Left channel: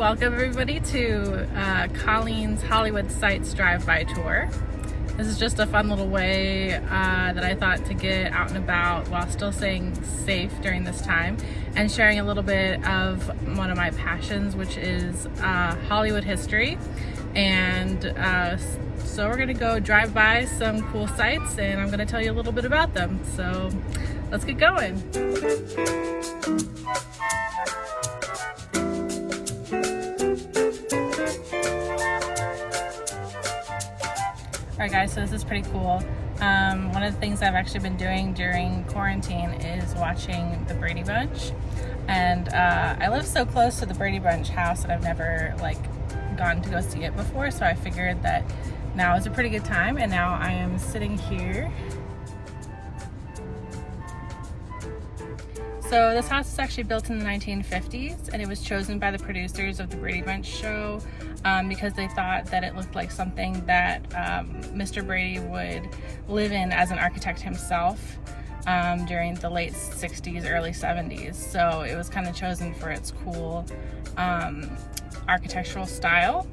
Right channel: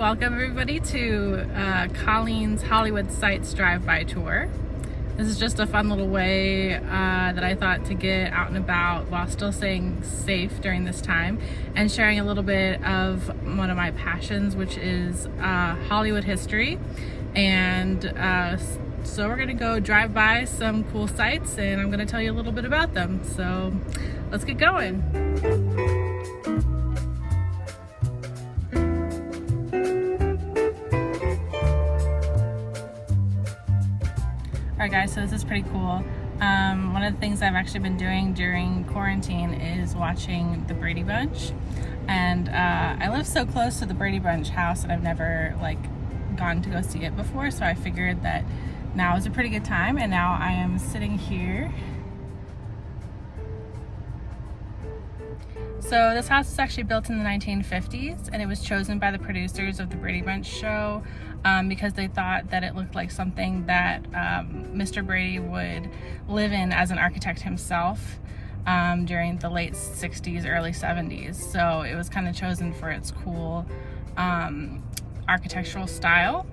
welcome everybody to Colleen's Hollywood Sights Drive-By Tour. This is just a fun little way that I thought to get out and about while still staying safe during this time and sharing a little bit of one of my passions, which is Hollywood history. And so we're gonna go drive by some cool sites and I'm gonna tell you a little bit about them. So let's get going. Alright guys, so this is pretty cool. One of the things I've actually been doing during quarantine is watching the Brady Bunch. And I live so close to the Brady Bunch house that I've never gone to go see it before, so I figured that now is a pretty good time, and now I am sitting here. So this house was actually built in the 1950s, and it was chosen by the producers of the Brady Bunch show because they thought that it looked like something that Mr. Brady would live in as an architect himself during the late 60s, early 70s. So it was kind of chosen for its cool architectural style.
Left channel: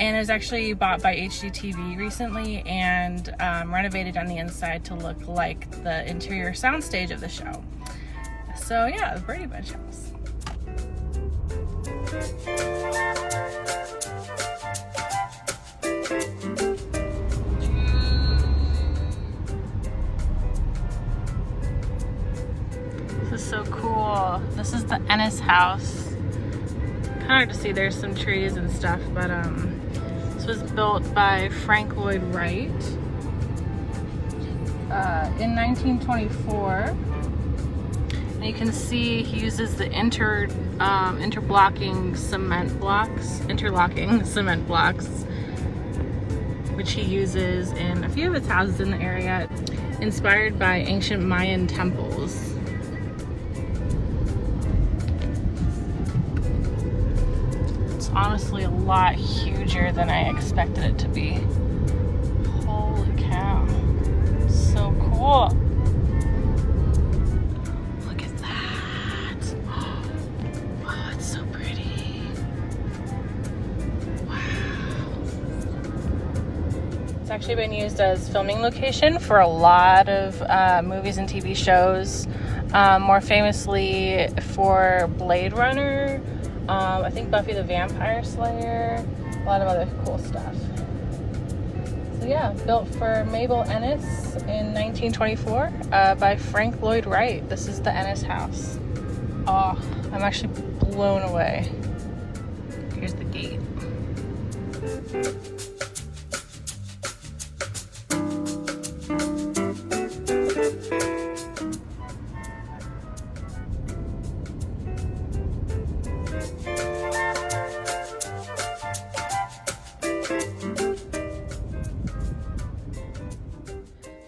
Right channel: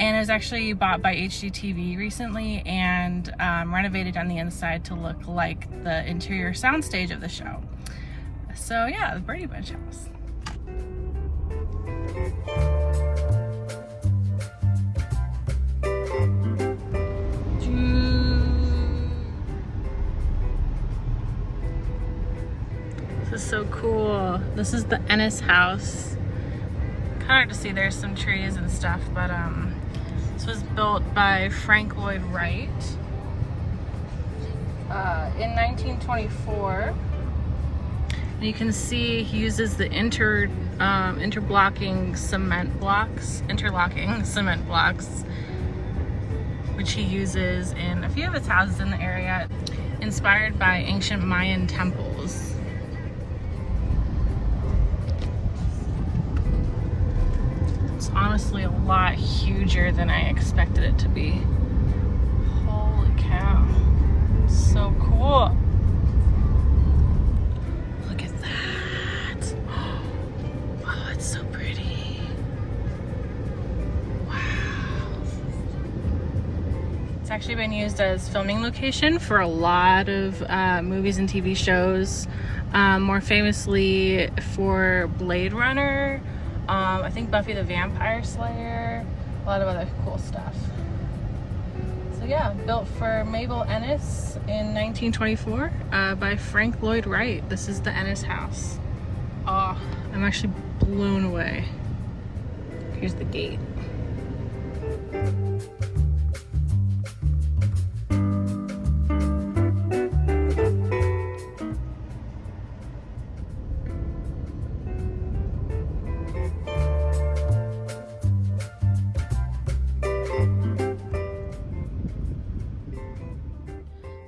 And it was actually bought by HGTV recently and renovated on the inside to look like the interior soundstage of the show. So yeah, the Brady Bunch house. This is so cool. This is the Ennis House. Kind of hard to see, there's some trees and stuff, but this was built by Frank Lloyd Wright in 1924. And you can see he uses the interlocking cement blocks, which he uses in a few of his houses in the area, inspired by ancient Mayan temples. It's honestly a lot huger than I expected it to be. Holy cow, it's so cool. It's actually been used as filming location for a lot of movies and TV shows, more famously for Blade Runner, I think Buffy the Vampire Slayer, a lot of other cool stuff. So yeah, built for Mabel Ennis in 1924 by Frank Lloyd Wright. This is the Ennis House. Oh, I'm actually blown away. Here's the gate.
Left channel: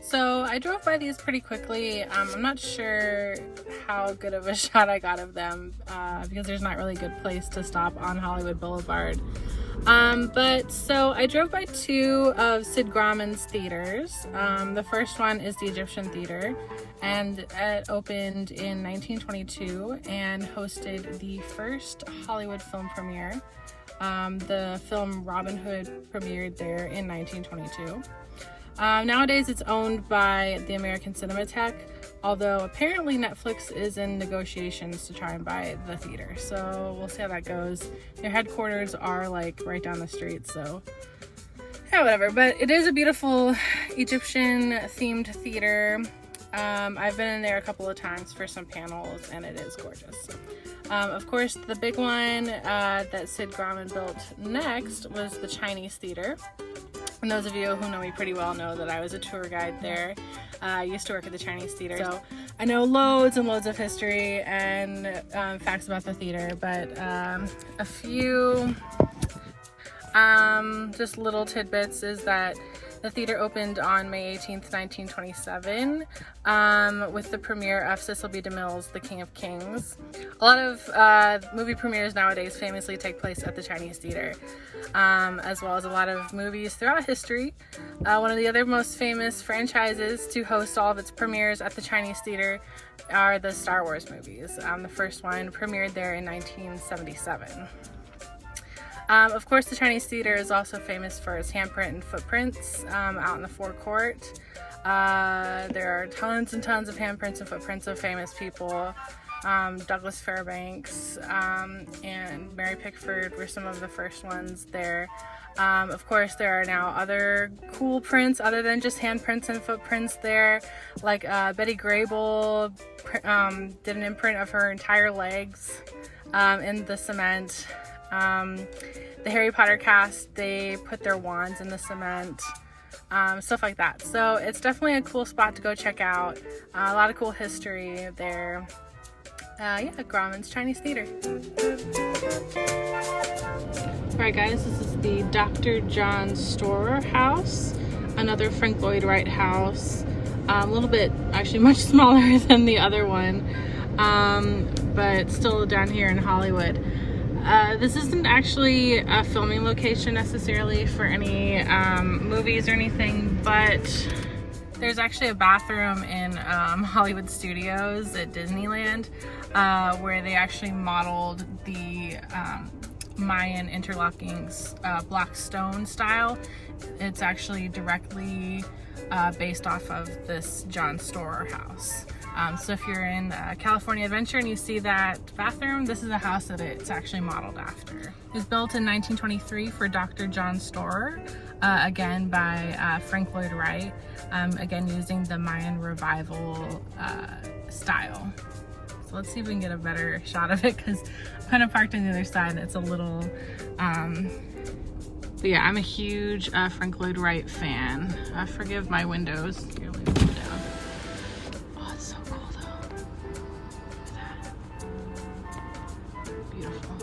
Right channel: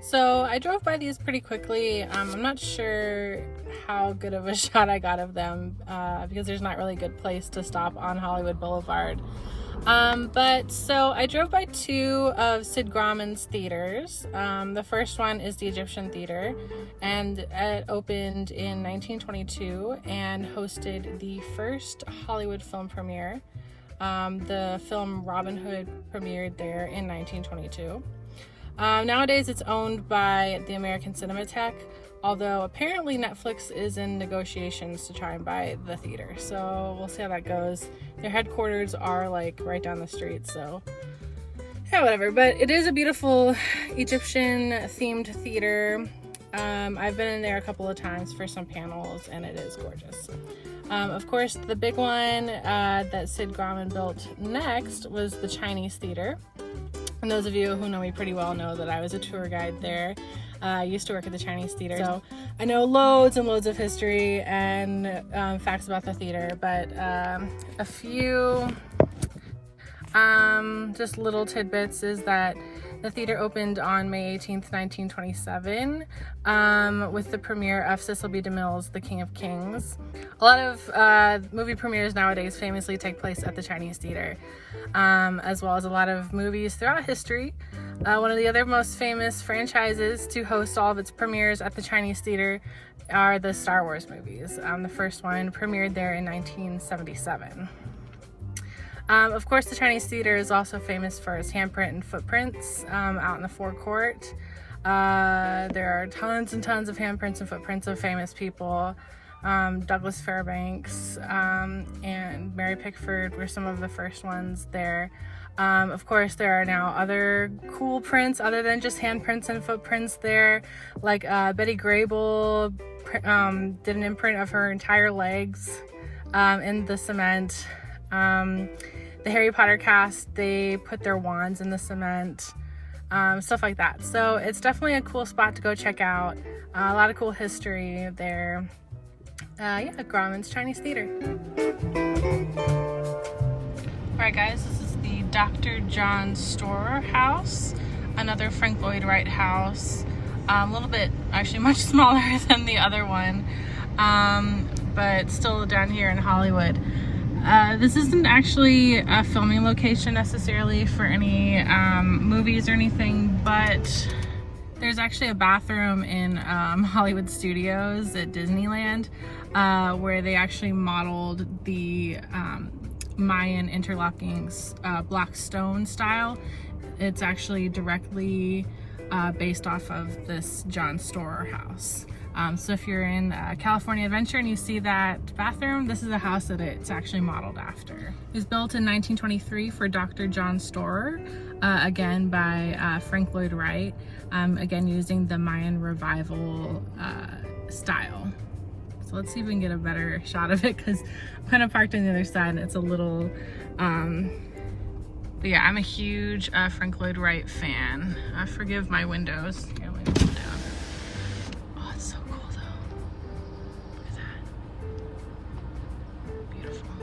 So I drove by these pretty quickly. I'm not sure how good of a shot I got of them because there's not really a good place to stop on Hollywood Boulevard. But so I drove by two of Sid Graumans' theaters. The first one is the Egyptian Theater, and it opened in 1922 and hosted the first Hollywood film premiere. The film Robin Hood premiered there in 1922. Nowadays it's owned by the American Cinematheque, although apparently Netflix is in negotiations to try and buy the theater, so we'll see how that goes. Their headquarters are right down the street, so yeah, whatever. But it is a beautiful Egyptian themed theater. I've been in there a couple of times for some panels and it is gorgeous. Of course, the big one that Sid Grauman built next was the Chinese Theater. And those of you who know me pretty well know that I was a tour guide there. I used to work at the Chinese Theater, so I know loads and loads of history and facts about the theater, but a few just little tidbits is that the theater opened on May 18th, 1927, with the premiere of Cecil B. DeMille's The King of Kings. A lot of movie premieres nowadays famously take place at the Chinese Theater, as well as a lot of movies throughout history. One of the other most famous franchises to host all of its premieres at the Chinese Theater are the Star Wars movies. The first one premiered there in 1977. Of course, the Chinese Theater is also famous for its handprint and footprints out in the forecourt. There are tons and tons of handprints and footprints of famous people. Douglas Fairbanks and Mary Pickford were some of the first ones there. Of course, there are now other cool prints other than just handprints and footprints there. Like Betty Grable did an imprint of her entire legs in the cement. The Harry Potter cast, they put their wands in the cement, stuff like that. So it's definitely a cool spot to go check out. A lot of cool history there. Yeah, Graumans Chinese Theater. Alright guys, this is the Dr. Jon Stewart House, another Frank Lloyd Wright house. A little bit, actually much smaller than the other one, but still down here in Hollywood. This isn't actually a filming location necessarily for any movies or anything, but there's actually a bathroom in Hollywood Studios at Disneyland where they actually modeled the Mayan interlocking block stone style. It's actually directly based off of this Jon Stewart house. So if you're in California Adventure and you see that bathroom, this is a house that it's actually modeled after. It was built in 1923 for Dr. Jon Stewart, again by Frank Lloyd Wright, again using the Mayan revival style. So let's see if we can get a better shot of it, because I'm kind of parked on the other side and it's a little, but yeah, I'm a huge Frank Lloyd Wright fan. Forgive my windows. Here, let me put it down. Oh, it's so cool though. Look at that. Beautiful.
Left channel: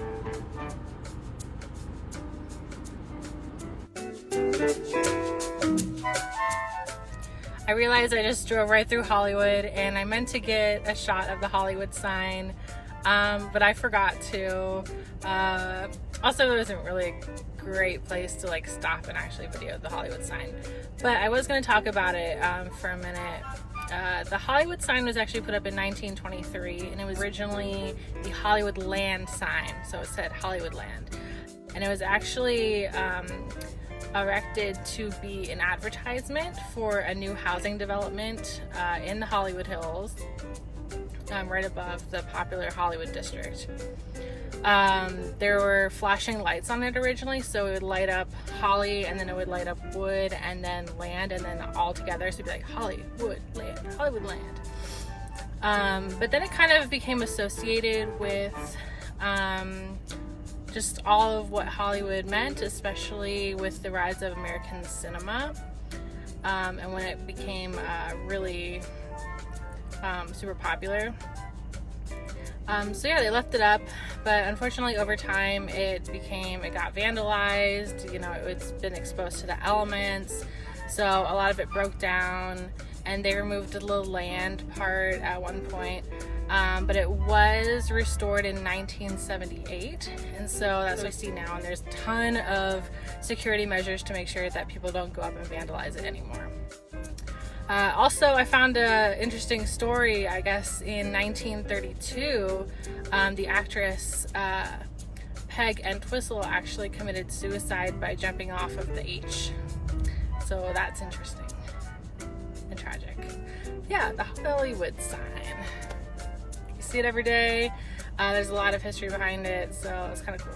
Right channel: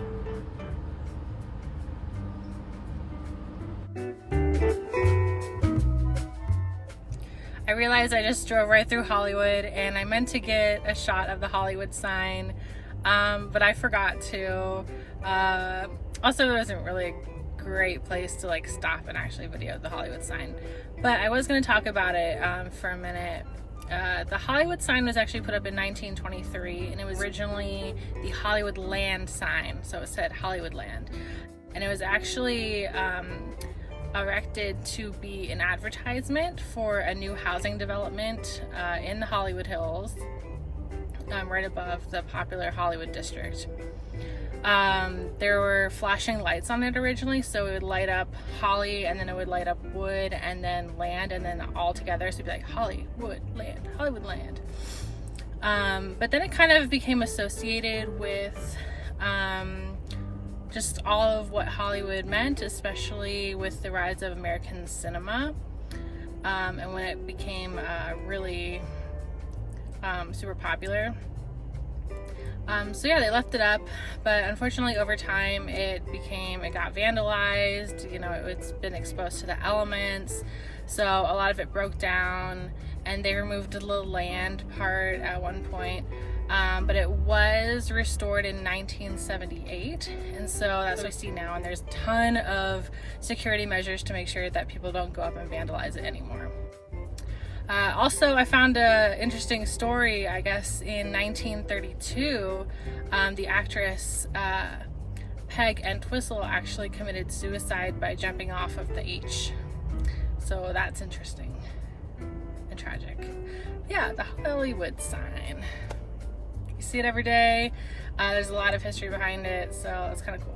I realized I just drove right through Hollywood and I meant to get a shot of the Hollywood sign, but I forgot to. Also, there wasn't really a great place to like stop and actually video the Hollywood sign, but I was going to talk about it for a minute. The Hollywood sign was actually put up in 1923, and it was originally the Hollywood Land sign, so it said Hollywood Land, and it was actually erected to be an advertisement for a new housing development in the Hollywood Hills, right above the popular Hollywood district. There were flashing lights on it originally, so it would light up Holly, and then it would light up wood, and then land, and then all together, so it'd be like Hollywood Land, Hollywood Land. But then it kind of became associated with just all of what Hollywood meant, especially with the rise of American cinema, and when it became really super popular. So yeah, they left it up, but unfortunately over time it got vandalized, you know, it's been exposed to the elements, so a lot of it broke down, and they removed the little land part at one point, but it was restored in 1978, and so that's what we see now, and there's a ton of security measures to make sure that people don't go up and vandalize it anymore. Also, I found an interesting story, I guess, in 1932, the actress Peg Entwistle actually committed suicide by jumping off of the H. So that's interesting and tragic. Yeah, the Hollywood sign. You see it every day. There's a lot of history behind it, so it's kind of cool.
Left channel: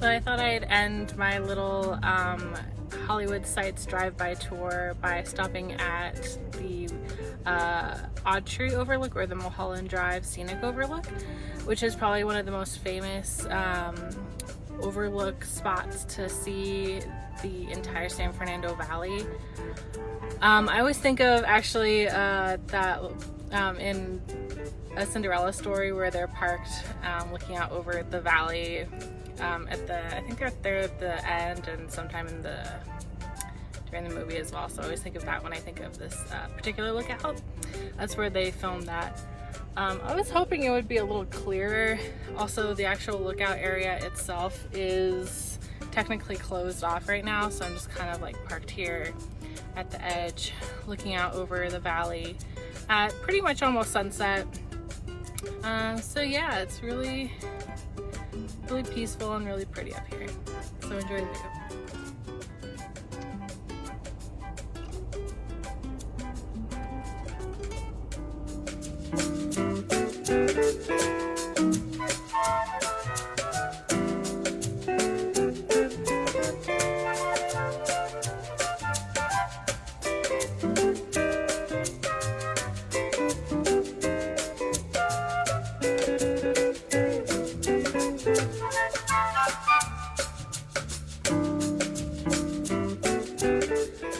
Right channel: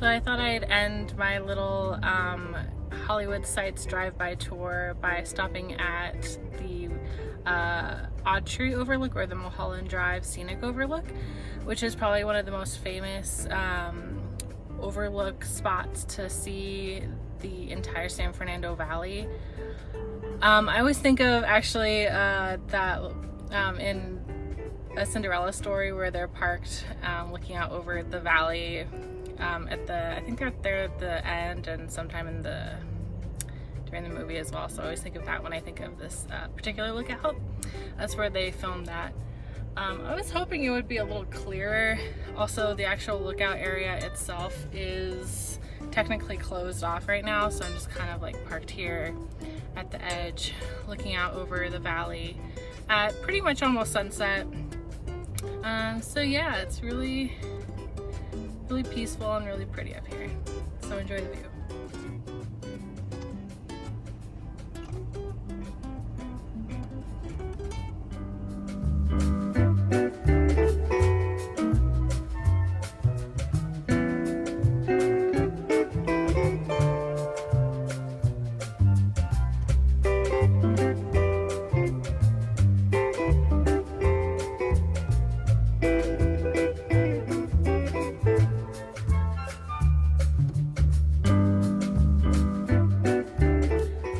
So I thought I'd end my little Hollywood Sights drive-by tour by stopping at the Autry Overlook, or the Mulholland Drive Scenic Overlook, which is probably one of the most famous overlook spots to see the entire San Fernando Valley. I always think of actually that in A Cinderella Story, where they're parked looking out over the valley I think they're there at the end and sometime during the movie as well. So I always think of that when I think of this particular lookout. That's where they filmed that. I was hoping it would be a little clearer. Also, the actual lookout area itself is technically closed off right now, so I'm just kind of like parked here at the edge, looking out over the valley at pretty much almost sunset. So yeah, it's really peaceful and really pretty up here. So enjoy the view.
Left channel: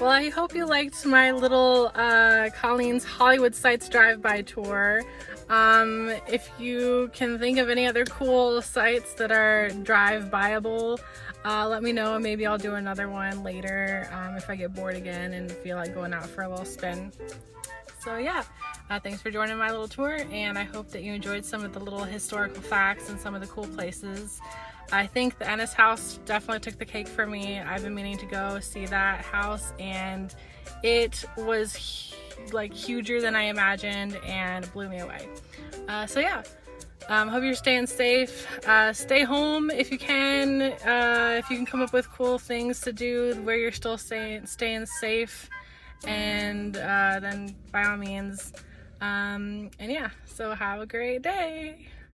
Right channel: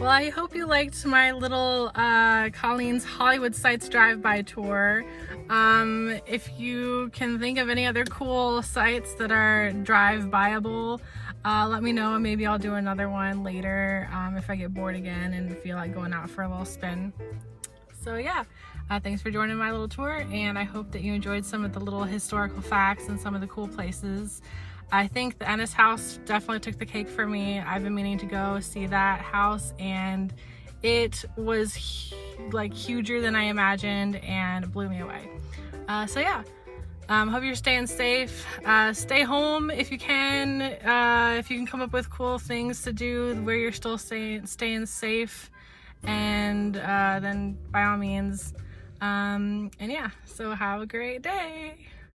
Well, I hope you liked my little Colleen's Hollywood Sites drive-by tour. If you can think of any other cool sites that are drive-byable, let me know, and maybe I'll do another one later if I get bored again and feel like going out for a little spin. So yeah, thanks for joining my little tour, and I hope that you enjoyed some of the little historical facts and some of the cool places. I think the Ennis House definitely took the cake for me. I've been meaning to go see that house, and it was like huger than I imagined and it blew me away. So yeah, hope you're staying safe. Stay home if you can. If you can come up with cool things to do where you're still staying safe, and then by all means. And yeah, so have a great day.